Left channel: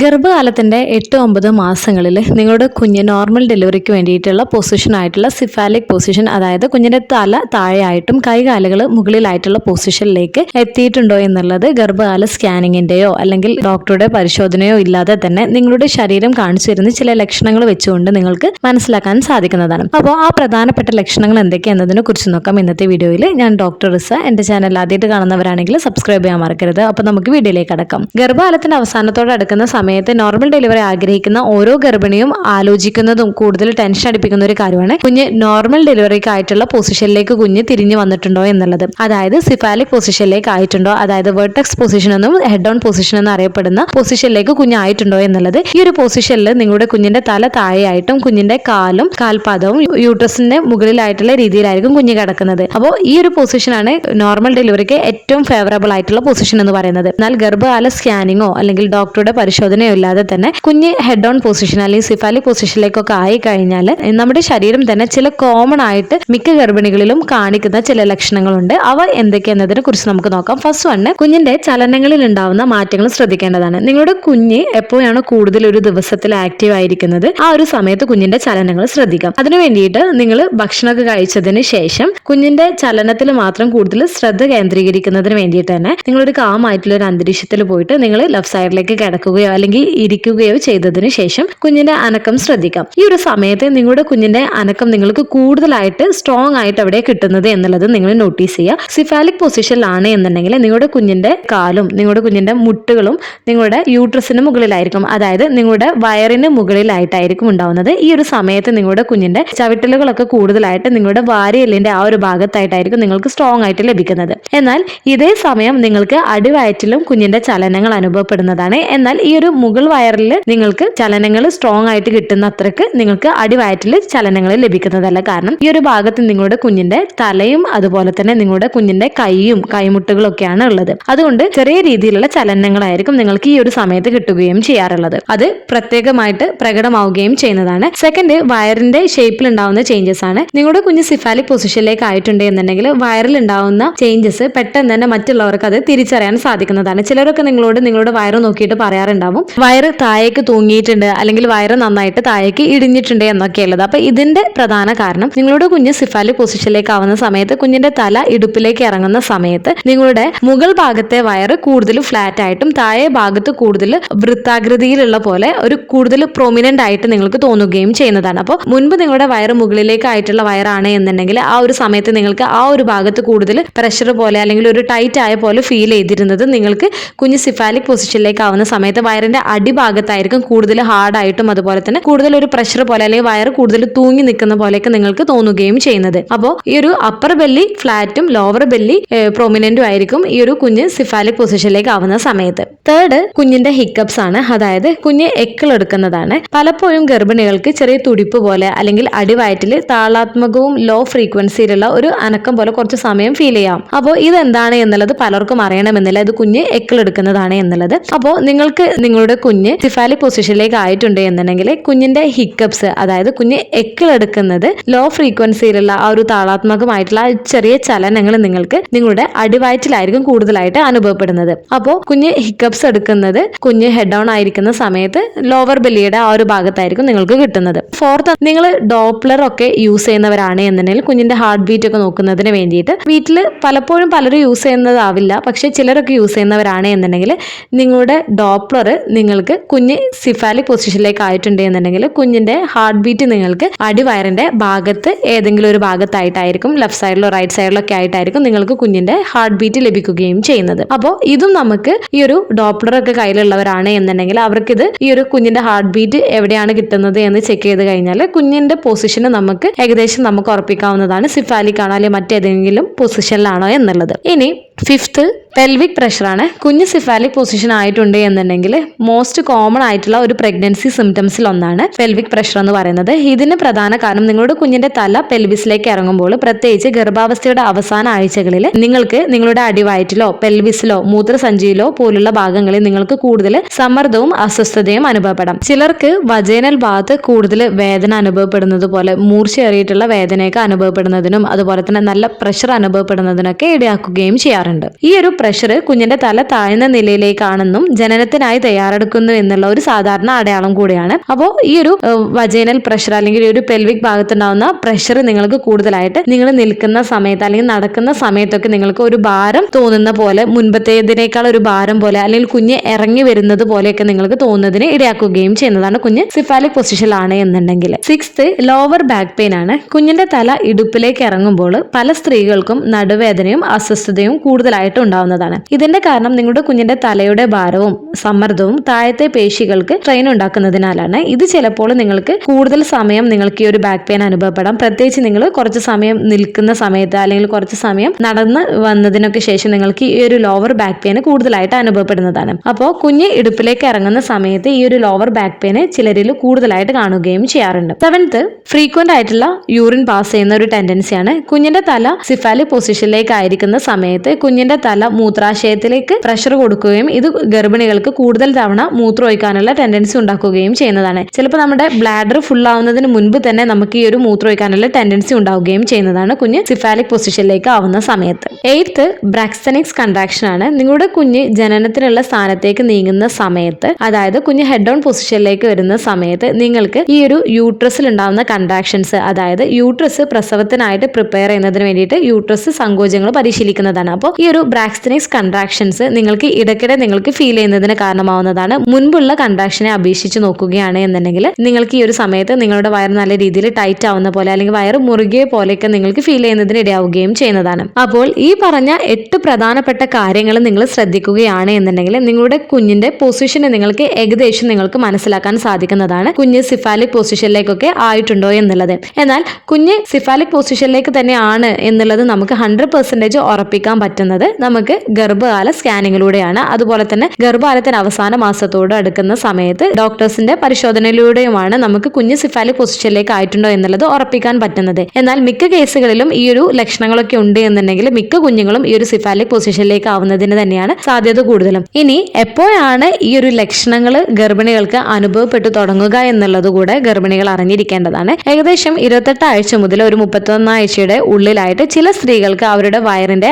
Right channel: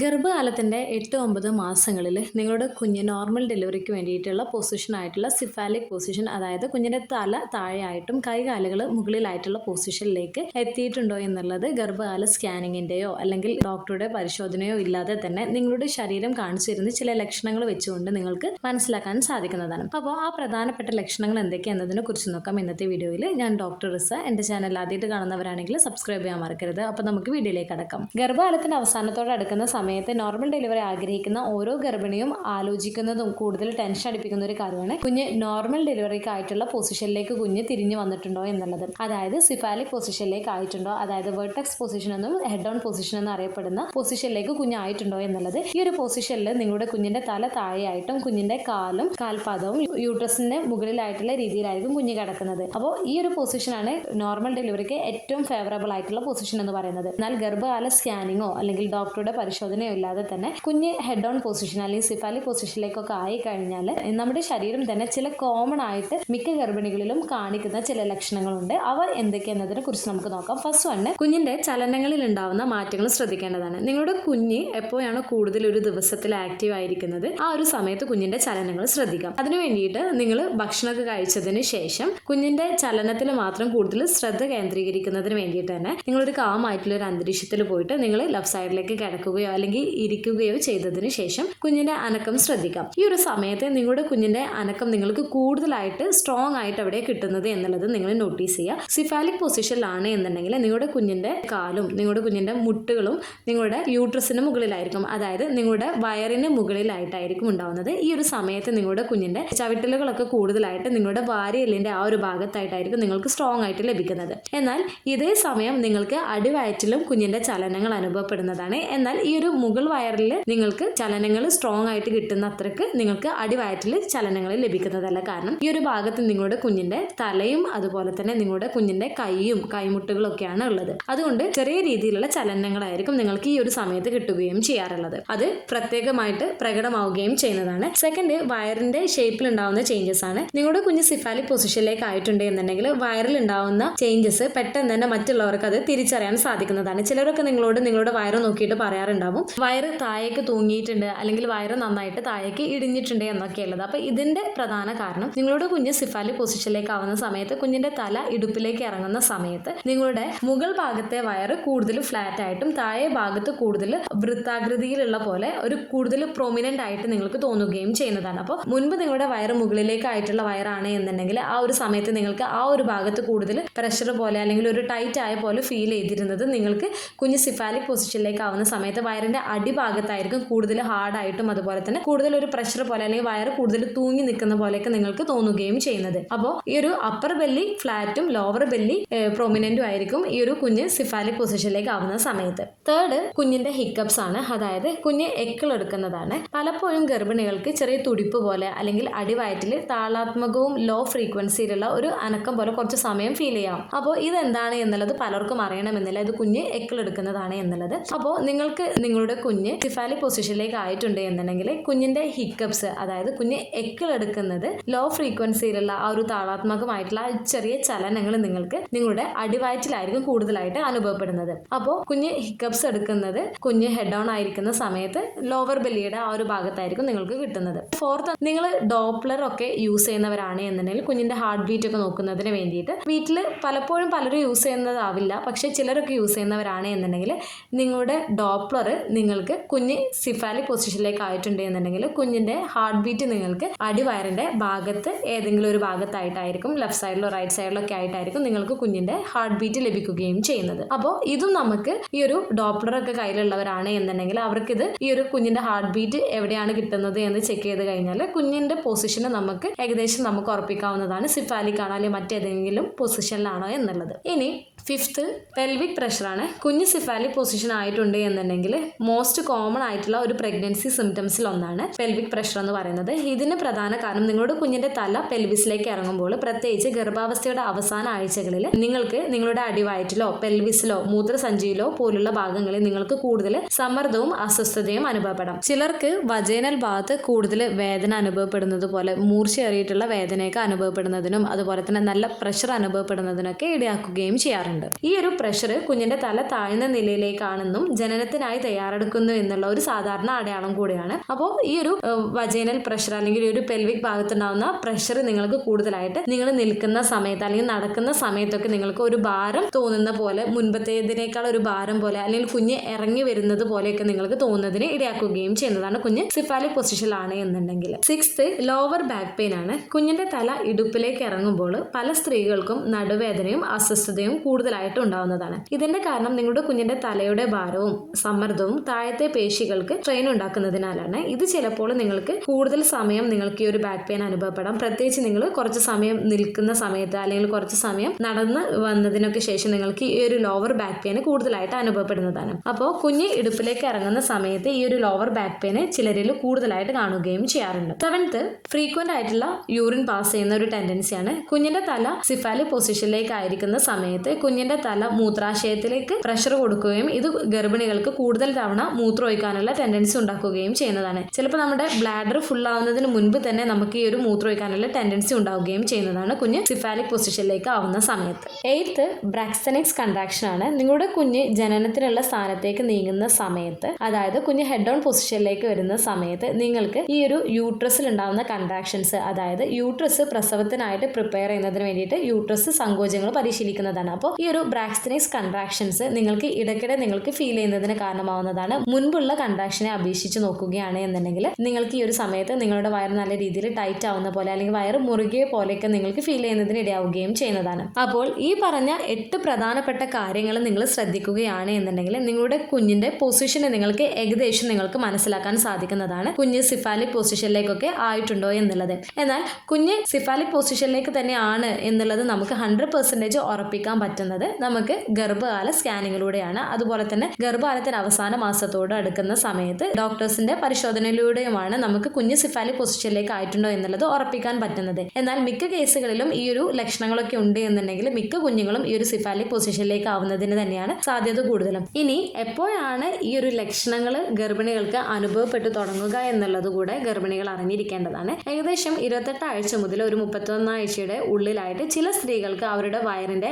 ഗർഭകാലത്തിന്റെ എട്ട് ഒമ്പത് മാസങ്ങളിൽ നിങ്ങളുടെ കുഞ്ഞ് നോർമൽ ഡെലിവറിക്ക് വേണ്ടിയിട്ടുള്ള പൊസിഷൻ ആയിട്ടുള്ള സിഫാലിക് പൊസിഷൻ അതായത് കുഞ്ഞിന്റെ തല താഴെയായിട്ടും കൈകാലുകൾ മുകളിലായിട്ടുള്ള പൊസിഷനിലേക്ക് എത്തിയിട്ടുണ്ടോ എന്നുള്ളത് ഗർഭകാല സ്കാനിങ്ങിന്റെയോ അല്ലെങ്കിൽ ഡോക്ടറുടെ പരിശോധനയോ ഇല്ലാതെ തന്നെ നിങ്ങളുടെ ശരീരം കാണിച്ചു തരുന്ന ചില ലക്ഷണങ്ങൾ വെച്ചുകൊണ്ട് നിങ്ങൾക്ക് മനസ്സിലാക്കാൻ സാധിക്കുന്നതാണ്. അപ്പോൾ ആ പ്രധാനപ്പെട്ട ലക്ഷണങ്ങൾ എന്തൊക്കെയെന്നതിനെ കുറിച്ച് നോക്കാം. ഇന്നത്തെ വീഡിയോയിൽ ഞാൻ ഡോക്ടർ റിസ. എന്റെ ചാനൽ ആദ്യമായിട്ട് കാണുന്നവരാണെങ്കിൽ സബ്സ്ക്രൈബ് ചെയ്യാൻ മറക്കരുത്. അപ്പോൾ നമുക്ക് വീഡിയോയിലേക്ക് അടക്കാം ഗർഭകാലത്തിന്റെ അവസാനത്തോടെ അടുക്കുന്ന സമയത്ത് നോർമൽ ഡെലിവറി ആഗ്രഹിക്കുന്ന ഓരോ ഗർഭിണിയും ആലോചിക്കുന്നതും കൂടുതൽ ടെൻഷൻ അടിപ്പിക്കുന്ന ഒരു കാര്യമാണ്. കുഞ്ഞ് നോർമൽ ഡെലിവറിക്ക് ആയിട്ടുള്ള പൊസിഷനിലേക്ക് കുഞ്ഞ് തിരിഞ്ഞു വന്നിട്ടുണ്ടോ എന്നുള്ളത്. അതായത് സിഫാലിക് പൊസിഷനിലേക്ക് ആയിട്ടുണ്ടോ അതായത് വെർട്ടക്സ് പൊസിഷൻ എന്നും ഹെഡ് ഓൺ പൊസിഷൻ എന്ന് അറിയപ്പെടുന്ന പൊസിഷനിലേക്ക് കുഞ്ഞ് ആയിട്ടുണ്ടോ എന്നുള്ളത്. ഈ ഒരു പൊസിഷനിൽ നിങ്ങളുടെ കുഞ്ഞിന്റെ തല താഴെയായിട്ടും കുഞ്ഞിന്റെ കാലും കാൽപാദവും യൂട്രസിന്റെ മുകളിലായിട്ടുള്ള രീതിയിലായിരിക്കും കുഞ്ഞ് കിടക്കുന്നത്. അപ്പോൾ ഈ ഒരു പൊസിഷനാണ് നോർമൽ ഡെലിവറിക്ക് ഏറ്റവും ഫേവറബിൾ ആയിട്ടുള്ള പൊസിഷൻ എന്ന് പറയുന്നത്. എന്നാൽ ഗർഭകാല സ്കാനിങ്ങോ അല്ലെങ്കിൽ ഡോക്ടറുടെ പരിശോധനയോ ഇല്ലാതെ തന്നെ കുഞ്ഞ് ഹെഡ് ഓൺ പൊസിഷൻ അല്ലെങ്കിൽ സിഫാലിക് പൊസിഷനിലേക്കൊക്കെ ആയി കഴിഞ്ഞാൽ നമ്മുടെ ശരീരം തന്നെ ചില കോമൺ ആയിട്ട് മിക്ക ഗർഭിണികളിലും കാണിക്കുന്ന ചില ലക്ഷണങ്ങളുണ്ട്. അവ എന്തൊക്കെയെന്നതിനെ കുറിച്ച് നമുക്ക് നോക്കാം. ഫസ്റ്റ് വണ് കുഞ്ഞിന്റെ ചലനങ്ങളിൽ ഉണ്ടാവുന്ന മാറ്റങ്ങൾ ശ്രദ്ധിക്കേണ്ടതാണ്. നിങ്ങളുടെ കുഞ്ഞ് എപ്പോഴാണ് കൂടുതൽ ഒരു ദിവസത്തിൽ ആക്റ്റീവ് ആയിരിക്കുന്നത്? ആ ഒരു സമയത്ത് കുഞ്ഞിന്റെ ചലനങ്ങൾ ശ്രദ്ധിക്കാം. അതിനു വേണ്ടിയിട്ട് നിങ്ങൾ ഭക്ഷണമൊക്കെ കഴിച്ചതിന് ശേഷം കുഞ്ഞിന്റെ ചലനത്തിൽ മാത്രം കൂടുതൽ ശ്രദ്ധ കേന്ദ്രീകരിക്കുന്നതിന് വേണ്ടിയിട്ട് തന്നെ നിങ്ങളൊരു കാമായിട്ടുള്ള ഒരു അന്തരീക്ഷത്തിൽ പോയിട്ട് നിങ്ങൾ ലെഫ്റ്റ് സൈഡിലേക്ക് കിടക്കുകയോ അല്ലെങ്കിൽ ഇരിക്കുകയോ ചെയ്തതിന് ശേഷം കുഞ്ഞിന്റെ അനക്കം ശ്രദ്ധിക്കാം. ഈ ഒരു സമയത്ത് നിങ്ങളുടെ കുഞ്ഞിന്റെ അനക്കം നിങ്ങൾക്ക് കൂടുതലായിട്ട് സ്ട്രോങ് ആയിട്ട് അവിടെ കിട്ടുന്നത് എന്നുള്ളത് നിങ്ങൾ നോട്ടീസ് ചെയ്യുക. സിഫാലിക് പൊസിഷനിലാണ് എന്നുണ്ടെങ്കിൽ നിങ്ങളുടെ കുഞ്ഞിന്റെ കാലും നിങ്ങളുടെ കുഞ്ഞിന്റെ മുട്ടുകളും നിങ്ങളുടെ യൂട്രസിന് മുകളിലായിരിക്കും. അതായത് നിങ്ങളുടെ വയറിന് മുകളിലായിട്ടായിരിക്കും ഉണ്ടാവുന്നത്. ഈ ഒരു സമയത്ത് നിങ്ങളുടെ കുഞ്ഞിന്റെ ചവിട്ടലുകളൊക്കെ കൂടുതലായിട്ട് നിങ്ങളുടെ വാരിയെല്ലിന്റെ ആ ഒരു ഭാഗത്തായിട്ടായിരിക്കും നിങ്ങൾക്ക് സ്ട്രോങ് ആയിട്ട് ലഭിക്കുന്നത്. എന്നാൽ ഇതേ സമയം നിങ്ങൾക്ക് അടിവയറ്റിലും കുഞ്ഞിന്റെ ചലനങ്ങൾ അനുഭവപ്പെടുന്നതാണ്. എന്നാൽ ഈ ഒരു മുകൾ വയറിൽ നിങ്ങൾക്ക് ചലനങ്ങൾ സ്ട്രോങ് ആയിട്ട് കിട്ടുന്ന അത്രയ്ക്ക് നിങ്ങൾക്ക് അടിവയറ്റിൽ ചലനങ്ങൾ ലഭിക്കുന്നതല്ല. കാരണം ഈ ഒരു ഭാഗത്ത് നിങ്ങളുടെ കുഞ്ഞിന്റെ തലയും അതുപോലെ തന്നെ നിങ്ങളുടെ കുഞ്ഞിന്റെ കൈയും കൈമുട്ടുകളൊക്കെയാണ് ഉള്ളത്. അതുകൊണ്ട് ചെറിയ രീതിയിലുള്ള ചലനങ്ങളായിരിക്കും നിങ്ങൾക്ക് ഈ ഒരു സമയത്ത് കിട്ടുകയും ചെയ്യാറുള്ളത്. അത് പ്രത്യേകമായിട്ട് പ്രകടമാവുകയും ചെയ്യുന്നതാണ്. സെക്കൻഡ് വയറിന്റെ ഷേപ്പിൽ ഉണ്ടാവുന്ന ചേഞ്ചസ് ആണ്. നിങ്ങളുടെ കുഞ്ഞ് സിഫാലിക് പൊസിഷനിലേക്ക് ആയിട്ടുണ്ട് എന്നുണ്ടെങ്കിൽ വയറിൽ ഉണ്ടാവുന്ന ചേഞ്ചസ് പെട്ടെന്ന് തന്നെ മറ്റുള്ളവർക്ക് അത് തിരിച്ചറിയാൻ സാധിക്കുന്നതാണ്. ചിലരൊക്കെ നിങ്ങളോട് നിങ്ങളുടെ വയറ് നോക്കിയിട്ട് പറയാറുണ്ടാവും. വയറ് താഴേക്ക് തൂങ്ങിയിട്ടുണ്ട് അല്ലെങ്കിൽ വയറ് നന്നായിട്ട് താഴേക്ക് ഇടിഞ്ഞിട്ടുണ്ട് എന്നൊക്കെ ഉള്ളത് അപ്പൊ ഇതിന്റെ പ്രധാന കാരണം നിങ്ങളുടെ കുഞ്ഞ് സിഫാലി പൊസിഷനിലേക്ക് ആവുന്ന സമയത്ത് കുഞ്ഞിന്റെ തല ഇടുപ്പിലേക്ക് ഇറങ്ങുന്ന സമയത്ത് നിങ്ങളുടെ മുകൾ ഭാഗത്തെ വയറ് കൂടുതൽ ഫ്ലാറ്റ് ആയിട്ടും താഴെ ഭാഗത്ത് കൂടുതൽ വൃത്താകൃതിയിലുള്ള പോലെ ഒരു കൂടുതൽ പ്രൊമിനന്റ് ആയിട്ട് നിങ്ങൾക്ക് തോന്നുകയും ചെയ്യുന്നതാണ്. അപ്പോൾ മുൻപ് നിങ്ങളുടെ വയറ് മുകളിലേക്കായിട്ടുള്ള വയറാണ് എന്നുണ്ടെങ്കിൽ ആ ഒരു സമയത്ത് നിങ്ങൾക്ക് ആ ഒരു ഭാഗത്ത് കൂടുതൽ പ്രഷർ പോലെ അല്ലെങ്കിൽ ഒരു ടൈറ്റ് ആയ പോലെ ഫീൽ ചെയ്തിരുന്നത് നിങ്ങൾക്ക് കുഞ്ഞ് സിഫാലിക് പൊസിഷനിലേക്ക് ആവുന്ന സമയത്ത് വയറിന്റെ അടിഭാഗത്തായിരിക്കും കൂടുതൽ ഹാർഡായിട്ടും അതുപോലെ തന്നെ കൂടുതൽ ഒരു പ്രഷർ പോലെ അല്ലെങ്കിൽ വയർ കൂടുതൽ തൂങ്ങി നിൽക്കുന്ന പോലെയൊക്കെ നിങ്ങൾക്ക് തോന്നുകയും ചെയ്യുന്നത്. അപ്പോൾ ഈ ഒരു അപ്പർ ബെല്ലി ഫ്ലാറ്റും ലോവർ ബെല്ലി പ്രൊമിനന്റും ആയിരിക്കും ഈ ഒരു കുഞ്ഞ് സിഫാലിക് പൊസിഷനിലേക്ക് ആവുന്ന സമയത്ത്. തേർഡ് കുഞ്ഞിന്റെ ഹിക്കപ്സ് ആണ്. അതായത് കുഞ്ഞ് എക്കിൾ എടുക്കുന്നതാണ്. പലപ്പോഴും ഗർഭിണികൾക്ക് ചെറിയ തുടിപ്പ് പോലെ അല്ലെങ്കിൽ അടിവയറ്റിൽ താളാത്മകവും ലോ ഫ്രീക്വൻസിയിലുള്ള ഒരു അനക്കം പോലെ കുറച്ച് സമയം ഫീൽ ചെയ്യാം. അപ്പോൾ ഇതെന്താണ് എന്നുള്ളത് പലർക്കും അറിയണമെന്നില്ല. ഇത് കുഞ്ഞ് എക്കിൾ എടുക്കുന്നതാണ് എന്നുള്ളത്. അപ്പോൾ നിങ്ങൾക്ക് നിങ്ങളുടെ കുഞ്ഞ് സിഫാലി പൊസിഷനിലേക്ക് ആയിട്ടുണ്ട് എന്നുണ്ടെങ്കിൽ കുഞ്ഞിന്റെ ഹിക്കപ്സ് അതായത് കുഞ്ഞ് എക്കിളെടുക്കുന്നത് ലോ ഫ്രീക്വൻസിയിലുള്ള ആ ഒരു താളാത്മകമായിട്ടുള്ള ചെറിയ ചലനങ്ങൾ നിങ്ങൾക്ക് നിങ്ങളുടെ അടിവയറ്റിലായിരിക്കും കൂടുതലായിട്ട് അനുഭവപ്പെടുന്നത്. അപ്പോൾ കുഞ്ഞ് ഹിക്കപ്സ് എടുക്കുന്നത് കുഞ്ഞ് ഹെഡ് ഓൺ ആയിരിക്കുന്ന സമയത്ത് ലോവർ ബെല്ലിയുടെ ആ ഒരു ഭാഗത്തായിരിക്കും നിങ്ങൾക്ക് കിട്ടുന്നത്. ഫോർത്ത് നിങ്ങൾ ഡോപ്ലർ ഒക്കെ യൂസ് ചെയ്യുന്നവരാണ് എന്നുണ്ടെങ്കിൽ കുഞ്ഞിന്റെ ഹാർട്ട് ബീറ്റ് ഒക്കെ നോക്കുന്നതിന് വേണ്ടിയിട്ട് വീട്ടിൽ പലപ്പോഴും പലരും യൂസ് ചെയ്യുന്നതാവില്ല പക്ഷേ ചിലരൊക്കെ യൂസ് ചെയ്യുന്നവരാണ് എന്നുണ്ടെങ്കിൽ നിങ്ങളുടെ ഡോപ്ലർ നിങ്ങൾക്ക് കുഞ്ഞ് സിഫാലിക് പൊസിഷനിലേക്ക് ആയിട്ടുണ്ട് എന്നുണ്ടെങ്കിൽ കുഞ്ഞിന്റെ ഹാർട്ട് ബീറ്റ് നിങ്ങൾക്ക് അടിവയറിന്റെ ഭാഗത്ത് ഏതെങ്കിലും ഒരു ഭാഗത്തായിട്ടായിരിക്കും ലെഫ്റ്റ് സൈഡിലോ റൈറ്റ് സൈഡിലോ ഒക്കെ ആയിട്ടായിരിക്കും നിങ്ങൾക്ക് കുഞ്ഞിന്റെ ഹാർട്ട് ബീറ്റ് ലഭിക്കുകയും ചെയ്യുന്നത്. അപ്പോൾ ഇതും നമുക്ക് ഈ ഒരു ഡോപ്ലർ ഒക്കെ കയ്യിലുള്ളവരാണ് എന്നുണ്ടെങ്കിൽ അവർക്കിത് ഈ ഒരു കുഞ്ഞിന്റെ ഹാർട്ട് ബീറ്റ് എവിടെയാണ് കിട്ടുന്നത് എന്ന് ചെക്ക് ചെയ്ത് കഴിഞ്ഞാൽ കുഞ്ഞിന്റെ പൊസിഷന് നമുക്ക് ഏകദേശം നമുക്ക് ഉറപ്പിക്കാവുന്നതാണ് സിഫാലിക് ആണോ അല്ലെങ്കിൽ മറ്റേതെങ്കിലും പൊസിഷനിലാണോ എന്നുള്ളത്. ഇനി ഫിഫ്ത്ത് പെൽവിക് പ്രഷറാണ് കുഞ്ഞ് സിഫാലിക് പൊസിഷൻ ആയിട്ടുണ്ട് എന്നുണ്ടെങ്കിൽ മോസ്റ്റ് കോമൺ ആയിട്ടുള്ള ഒരു പ്രഗ്നൻസി സിംറ്റംസിൽ ഒന്നാണ് പെൽവിക് പ്രഷർ എന്ന് പറയുന്നത്. ഇതിന് പ്രധാന കാരണം നിങ്ങളുടെ കുഞ്ഞിന്റെ തല പെൽവിസിലേക്ക് ഇറങ്ങുമ്പോൾ പ്രത്യേകിച്ച് ഗർഭാവസ്ഥയുടെ അവസാന ആഴ്ചകളിൽ നിങ്ങൾക്ക് നിങ്ങളുടെ അടിവയറ്റിലോ പെൽവിസിലോ മൂത്രസഞ്ചിയിലോ പോലുള്ള ഭാഗങ്ങളിൽ നിങ്ങൾക്ക് കൂടുതൽ സമ്മർദ്ദവും അസ്വസ്ഥതയും അനുഭവപ്പെടാം. ചിലർക്ക് വജേനൽ ഭാഗത്ത് കൂടുതൽ വേദന അനുഭവപ്പെടുന്നത് പോലെ മൂർച്ചയേറിയിട്ടുള്ള വേദനയൊക്കെ അനുഭവപ്പെടുന്നതിനും അതുപോലെ തന്നെ നല്ല പ്രഷർ അനുഭവപ്പെടുന്നതിനൊക്കെ ഇടയാക്കുകയും ചെയ്യാറുണ്ട്. ചെയ്യാറുണ്ട് ഈ ഒരു പ്രഷർ കുഞ്ഞിന്റെ തല താഴ്ന്ന നിലയിലേക്കാണെന്നും ജനനത്തിനായി തയ്യാറെടുക്കുന്നു എന്നുള്ള ഒരു സാധാരണ അടയാളം കൂടിയാണ്. അപ്പോൾ ഈ ഒരു വജൈനൽ പ്രഷർ അല്ലെങ്കിൽ ഒരു പെൽവിക് ഭാഗത്തുണ്ടാവുന്ന പ്രഷർ നിങ്ങൾക്ക് കൂടുതലായിട്ട് നിങ്ങൾ നിൽക്കുന്ന സമയത്ത് അല്ലെങ്കിൽ നടക്കുന്ന സമയത്തൊക്കെ നിങ്ങൾക്ക് ഒരു ഭാരം തോന്നുന്ന പോലെ മുൻപത്തേതിനേക്കാൾ ഒരു ഭാരം പോലെ അല്ലെങ്കിൽ കുഞ്ഞ് ഇറങ്ങി വരുന്നത് പോലെയൊക്കെ നിങ്ങൾക്ക് തോന്നുന്നതിന് ഇടയാക്കുകയും ചെയ്യുന്നതാണ് കുഞ്ഞ് സിഫാലിക് പൊസിഷനിലാണ് എന്നുണ്ടെങ്കിൽ. സിക്സ്ത് ലോവർ ബാക്ക് പെയിൻ ആണ്. കുഞ്ഞിന്റെ തല ഇടുപ്പിലേക്ക് ഇറങ്ങുമ്പോൾ പല സ്ത്രീകൾക്കും നടുവേദനയും അസ്വസ്ഥതയും കൂടുതലായിട്ട് ഉണ്ടാവുന്നതാണ്. ഇതിന്റെ കാരണം നിങ്ങളുടെ കുഞ്ഞിന്റെ തലയുടെ ഭാരവും സമ്മർദ്ദവും താഴത്തെ പേശികൾക്ക് ട്രെയിൻ ഉണ്ടാക്കുന്നതിനാലാണ്. ഇത് ചിലപ്പോൾ നിങ്ങൾക്ക് കൂടുതൽ സമയം നിങ്ങൾക്ക് ഈ ഒരു ബാക്ക് പെയിൻ അനുഭവപ്പെടാം. പ്രത്യേകിച്ച് നിങ്ങൾ കുറച്ച് സമയം നിൽക്കുന്ന സമയത്ത് അല്ലെങ്കിൽ കുറച്ച് സമയം നടന്ന് വന്നതിനൊക്കെ ശേഷം നിങ്ങൾക്ക് ഈ ഒരു ലോവർ ബാക്ക് പെയിൻ കൂടുതലായിട്ട് അനുഭവപ്പെടുന്നതാണ്. അപ്പോൾ കുഞ്ഞ് ഇടുപ്പിലേക്ക് ഇറങ്ങുന്ന സമയത്ത് ഈ ഒരു ലോവർ ബാക്ക് പെയിൻ ചിലരിൽ കൂടുതലായിട്ട് കാണുകയും ചെയ്യാറുണ്ട്. സെവൻത്ത് ഫ്രീക്വന്റ് ആയിട്ടുള്ള യൂറിൻ പാസ് ചെയ്യുന്ന ഒരു ടെൻഡൻസിയാണ് കുഞ്ഞിന്റെ തല സിഫാലി പൊസിഷനിലേക്ക് ആയിരിക്കുന്ന സമയത്ത് കുഞ്ഞിന്റെ തല മൂത്രാശയത്തിലേക്ക് പ്രഷർ കൊടുക്കുകയും ഇത് ഗർഭിണികൾക്ക് കൂടുതൽ തവണ മൂത്രം ഒഴിക്കാനുള്ള ടെൻഡൻസി ഉണ്ടാക്കുകയും ചെയ്യുന്നതാണ്. ചിലപ്പോൾ നമ്മുടെ ബ്ലാഡർ ഫുൾ ആവുന്നതിന് മുൻപ് തന്നെ നമുക്ക് ഈ ഒരു മൂത്രം ഒഴിക്കാനുള്ള ടെൻഡൻസി ഉണ്ടാവുകയും ചെയ്യുന്നതാണ് കുഞ്ഞ് സിഫാലിക് പൊസിഷനിലേക്ക് ആവുന്ന സമയത്ത്. എയ്ത്ത് ബ്രാക്സനിക്സ് കൺട്രാക്ഷൻ ആണ്. നിങ്ങളുടെ കുഞ്ഞ് ജനനത്തിനുള്ള സ്ഥാനത്തേക്ക് നീങ്ങുന്ന സമയത്ത് അതായത് കുഞ്ഞ് ഹെഡ് ഡൗൺ പൊസിഷനിലേക്ക് വരുന്ന സമയത്ത് നിങ്ങൾക്ക് ഈ ഒരു യൂട്രസിൽ ഉണ്ടാകുന്ന കൺട്രാക്ഷൻസ് അതായത് യൂട്രസ് പ്രസവത്തിനായിട്ട് പ്രിപ്പയർ ചെയ്യുന്നതിന് വേണ്ടിയിട്ട് യൂട്രസ് സങ്കോചങ്ങൾ പരിശീലിക്കുന്നതാണ്. അപ്പോൾ ഈ ഒരു ബ്രാക്സ്തനിക്സ് കൺട്രാക്ഷൻസ് നിങ്ങൾക്ക് ഇടയ്ക്കിടെ നിങ്ങൾക്ക് ഫീൽ ചെയ്യുന്നതിന് കാരണമാവുന്നതാണ്. മുൻപുള്ള കൺട്രാക്ഷനെ അപേക്ഷിച്ച് നോക്കുകയാണ് എന്നുണ്ടെങ്കിൽ നിങ്ങൾക്ക് ഈ ഒരു സമയത്ത് നിങ്ങളുടെ വയർ നല്ല രീതിയിൽ ടൈറ്റ് ആവുന്ന പോലെ അല്ലെങ്കിൽ വയർ മുറുകിയ പോലെയൊക്കെ നിങ്ങൾക്ക് ഫീൽ ചെയ്യുന്നതിന് ഇടയാവുകയും ചെയ്യുന്നതാണ്. അപ്പോൾ ഈ പറഞ്ഞ എട്ട് പ്രധാനപ്പെട്ട കാര്യങ്ങൾ നിങ്ങൾ ശ്രദ്ധിക്കുകയാണ് എന്നുണ്ടെങ്കിൽ നിങ്ങളുടെ കുഞ്ഞിന്റെ പൊസിഷൻ നിങ്ങൾക്ക് ഏകദേശം നിങ്ങൾക്ക് മനസ്സിലാക്കാൻ സാധിക്കുന്നതാണ്. കുഞ്ഞ് സിഫാലിക് പൊസിഷനിലേക്കൊക്കെ ആയിട്ടുണ്ടോ എന്നുള്ളത്. എന്നാൽ കുഞ്ഞ് സിഫാലിക് പൊസിഷനിലേക്ക് തന്നെയാണ് എന്നുള്ളത് നമുക്ക് ഹൺഡ്രഡ് പെർസെന്റേജ് ഉറപ്പിക്കാൻ പറ്റുന്നത് നമുക്ക് ഗർഭകാല സ്കാനിങ്ങിലൂടെയാണ്. അതുപോലെ തന്നെ ഗർഭകാലത്തിന് അവസാന മാസത്തോട് അടുക്കുന്ന സമയത്ത് ഡോക്ടേഴ്സിന്റെ പരിശോധനയിലൂടെയുമാണ് നമുക്ക് കുഞ്ഞ് സിഫാലിക് പൊസിഷനിലേക്ക് ആയിട്ടുണ്ടോ എന്നുള്ളത് ഉറപ്പിക്കാൻ പറ്റുന്നത്. എന്നാൽ മിക്ക കേസുകളിലും ഈ ഒരു ലക്ഷണങ്ങളൊക്കെ ഉണ്ട് എന്നുണ്ടെങ്കിൽ മിക്ക കുഞ്ഞുങ്ങളും ഈ ഒരു സിഫാലിക് പൊസിഷനിലേക്ക് ആവുന്നതിന് തന്നെയാണ് സാധ്യത കൂടുതലും. ഇനി എപ്പോഴാണ് ഈ ഒരു ലക്ഷണങ്ങൾ ഗർഭിണികൾക്ക് അനുഭവപ്പെട്ടു തുടങ്ങുക എന്നുള്ളത് കൂടെ ഗർഭിണികൾ അറിഞ്ഞിരിക്കേണ്ടതാണ്. ഏകദേശം ഇരുപത്തെട്ട് ആഴ്ച മുതൽ ഒരു മുപ്പത്തൊന്ന് ആഴ്ചയുടെ ഉള്ളിലായിട്ട് ചില സ്ത്രീകൾക്ക് അവരുടെ വയറിന്റെ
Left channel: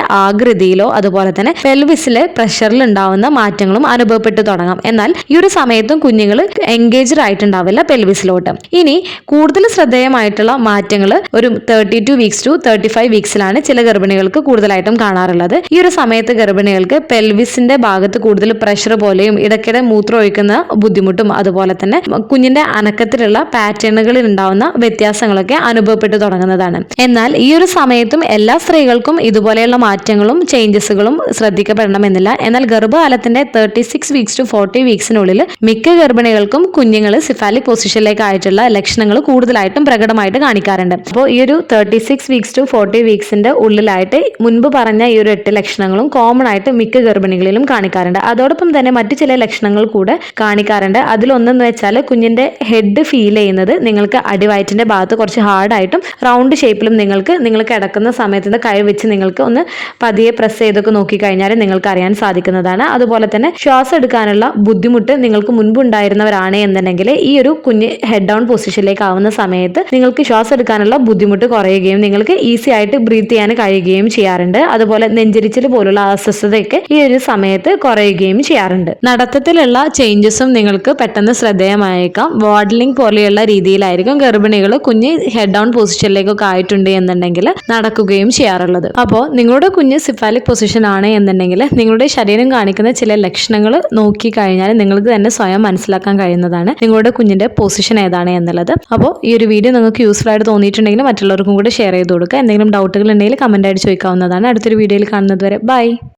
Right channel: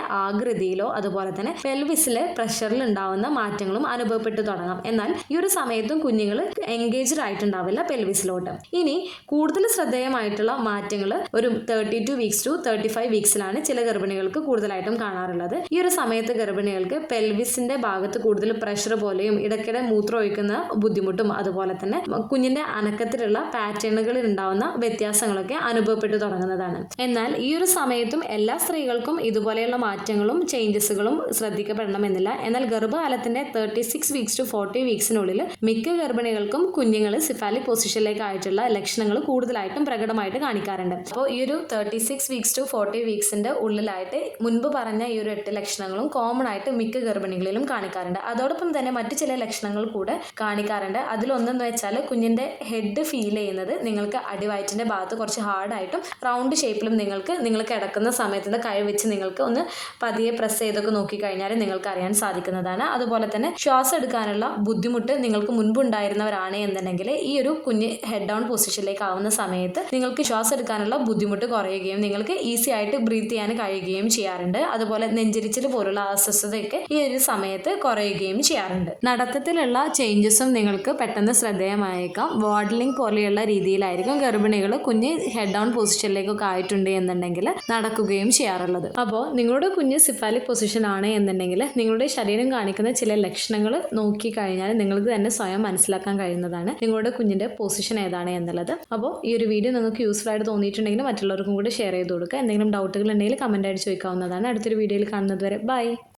ആകൃതിയിലോ അതുപോലെ തന്നെ പെൽവിസിലെ പ്രഷറിൽ ഉണ്ടാവുന്ന മാറ്റങ്ങളും അനുഭവപ്പെട്ടു തുടങ്ങാം. എന്നാൽ ഈ ഒരു സമയത്തും കുഞ്ഞുങ്ങൾ എൻഗേജ്ഡ് ആയിട്ടുണ്ടാവില്ല പെൽവിസിലോട്ട് ഇനി കൂടുതൽ ശ്രദ്ധേയമായിട്ടുള്ള മാറ്റങ്ങൾ ഒരു thirty two weeks to thirty five വീക്സിലാണ് ചില ഗർഭിണികൾക്ക് കൂടുതലായിട്ടും കാണാറുള്ളത്. ഈ ഒരു സമയത്ത് ഗർഭിണികൾക്ക് പെൽവിസിന്റെ ഭാഗത്ത് കൂടുതൽ പ്രഷർ പോലെയും ഇടയ്ക്കിടെ മൂത്രം ഒഴിക്കുന്ന ബുദ്ധിമുട്ടും അതുപോലെ തന്നെ കുഞ്ഞിന്റെ അനക്കത്തിലുള്ള പാറ്റേണുകളിൽ ഉണ്ടാവുന്ന വ്യത്യാസങ്ങളൊക്കെ അനുഭവപ്പെട്ടു തുടങ്ങുന്നതാണ്. എന്നാൽ ഈ ഒരു സമയത്തും എല്ലാ സ്ത്രീകൾക്കും ഇതുപോലെയുള്ള മാറ്റങ്ങളും ചേഞ്ചസുകളും ശ്രദ്ധിക്കപ്പെടണമെന്നില്ല. എന്നാൽ ഗർഭകാലത്തിന്റെ thirty six weeks to forty വീക്സിനുള്ളിൽ മിക്ക ഗർഭിണികൾക്കും കുഞ്ഞുങ്ങൾ സിഫാലിക് പൊസിഷനിലേക്ക് ആയിട്ടുള്ള ലക്ഷണങ്ങൾ കൂടുതലായിട്ടും പ്രകടമായിട്ട് കാണിക്കാറുണ്ട്. അപ്പോൾ ഈ ഒരു thirty six weeks to forty വീക്സിന്റെ ഉള്ളിലായിട്ട് മുൻപ് പറഞ്ഞ ഈ ഒരു എട്ട് ലക്ഷണങ്ങളും കോമൺ ആയിട്ട് മിക്ക ഗർഭിണികളിലും കാണിക്കാറുണ്ട്. അതോടൊപ്പം തന്നെ മറ്റു ചില ലക്ഷണങ്ങൾ കൂടെ കാണിക്കാറുണ്ട്. അതിലൊന്നെന്ന് വെച്ചാൽ കുഞ്ഞിന്റെ ഹെഡ് ഫീൽ ചെയ്യുന്നത് നിങ്ങൾക്ക് അടിവയറ്റിന്റെ ഭാഗത്ത് കുറച്ച് ഹാർഡായിട്ടും റൗണ്ട് ഷേപ്പിലും നിങ്ങൾക്ക് നിങ്ങൾ കിടക്കുന്ന സമയത്തിന്റെ കൈ വെച്ച് നിങ്ങൾക്ക് ഒന്ന് പതിയെ പ്രസ് ചെയ്തൊക്കെ നോക്കിക്കഴിഞ്ഞാൽ നിങ്ങൾക്ക് അറിയാൻ സാധിക്കുന്നതാണ്. അതുപോലെ തന്നെ ശ്വാസം എടുക്കാനുള്ള ബുദ്ധിമുട്ട് നിങ്ങൾക്ക് മുൻപുണ്ടായിരുന്നവരാണ് എന്നുണ്ടെങ്കിൽ ഈ ഒരു കുഞ്ഞ് ഹെഡ് ഡൗൺ പൊസിഷനിലേക്ക് ആവുന്ന സമയത്ത് നിങ്ങൾക്ക് ശ്വാസം എടുക്കാനുള്ള ബുദ്ധിമുട്ട് കുറയുകയും നിങ്ങൾക്ക് ഈസി ആയിട്ട് ബ്രീത്ത് ചെയ്യാൻ കഴിയുകയും ചെയ്യാറുണ്ട്. അതുപോലെ നെഞ്ചരിച്ചിൽ പോലുള്ള അസ്വസ്ഥതയൊക്കെ ഈ ഒരു സമയത്ത് കുറയുകയും ചെയ്യാറുണ്ട്. നടത്തത്തിലുള്ള ചേഞ്ചസും നിങ്ങൾക്ക് പെട്ടെന്ന് ശ്രദ്ധേയമായേക്കാം. വാഡ്ലിംഗ് പോലെയുള്ള രീതിയിലായിരിക്കും ഗർഭിണികൾ കുഞ്ഞ് ഹെഡ് ഡൗൺ പൊസിഷനിലേക്കൊക്കെ ആയിട്ടുണ്ട് എന്നുണ്ടെങ്കിൽ നടക്കുകയും ചെയ്യാറുള്ളത്. അപ്പോൾ നിങ്ങളുടെ കുഞ്ഞ് സിഫാലിക് പൊസിഷൻ ആണ് എന്നുണ്ടെങ്കിൽ നിങ്ങളുടെ ശരീരം കാണിക്കുന്ന ചില ലക്ഷണങ്ങൾ നോക്കി കഴിഞ്ഞാൽ നിങ്ങൾക്ക് തന്നെ സ്വയം മനസ്സിലാക്കാൻ കഴിയുന്നതാണ്. നിങ്ങളുടെ കുഞ്ഞിന്റെ പൊസിഷൻ ഏതാണ് എന്നുള്ളത്. അപ്പോൾ ഈ ഒരു വീഡിയോ നിങ്ങൾക്ക് യൂസ്ഫുൾ ആയിട്ട് തോന്നിയിട്ടുണ്ടെങ്കിൽ മറ്റുള്ളവർക്കും കൂടെ ഷെയർ ചെയ്ത് കൊടുക്കുക. എന്തെങ്കിലും ഡൗട്ടുകൾ ഉണ്ടെങ്കിൽ കമന്റ് ആയിട്ട് ചോദിക്കാവുന്നതാണ്. അടുത്തൊരു വീഡിയോയിൽ കാണുന്നത് വരെ. ബൈ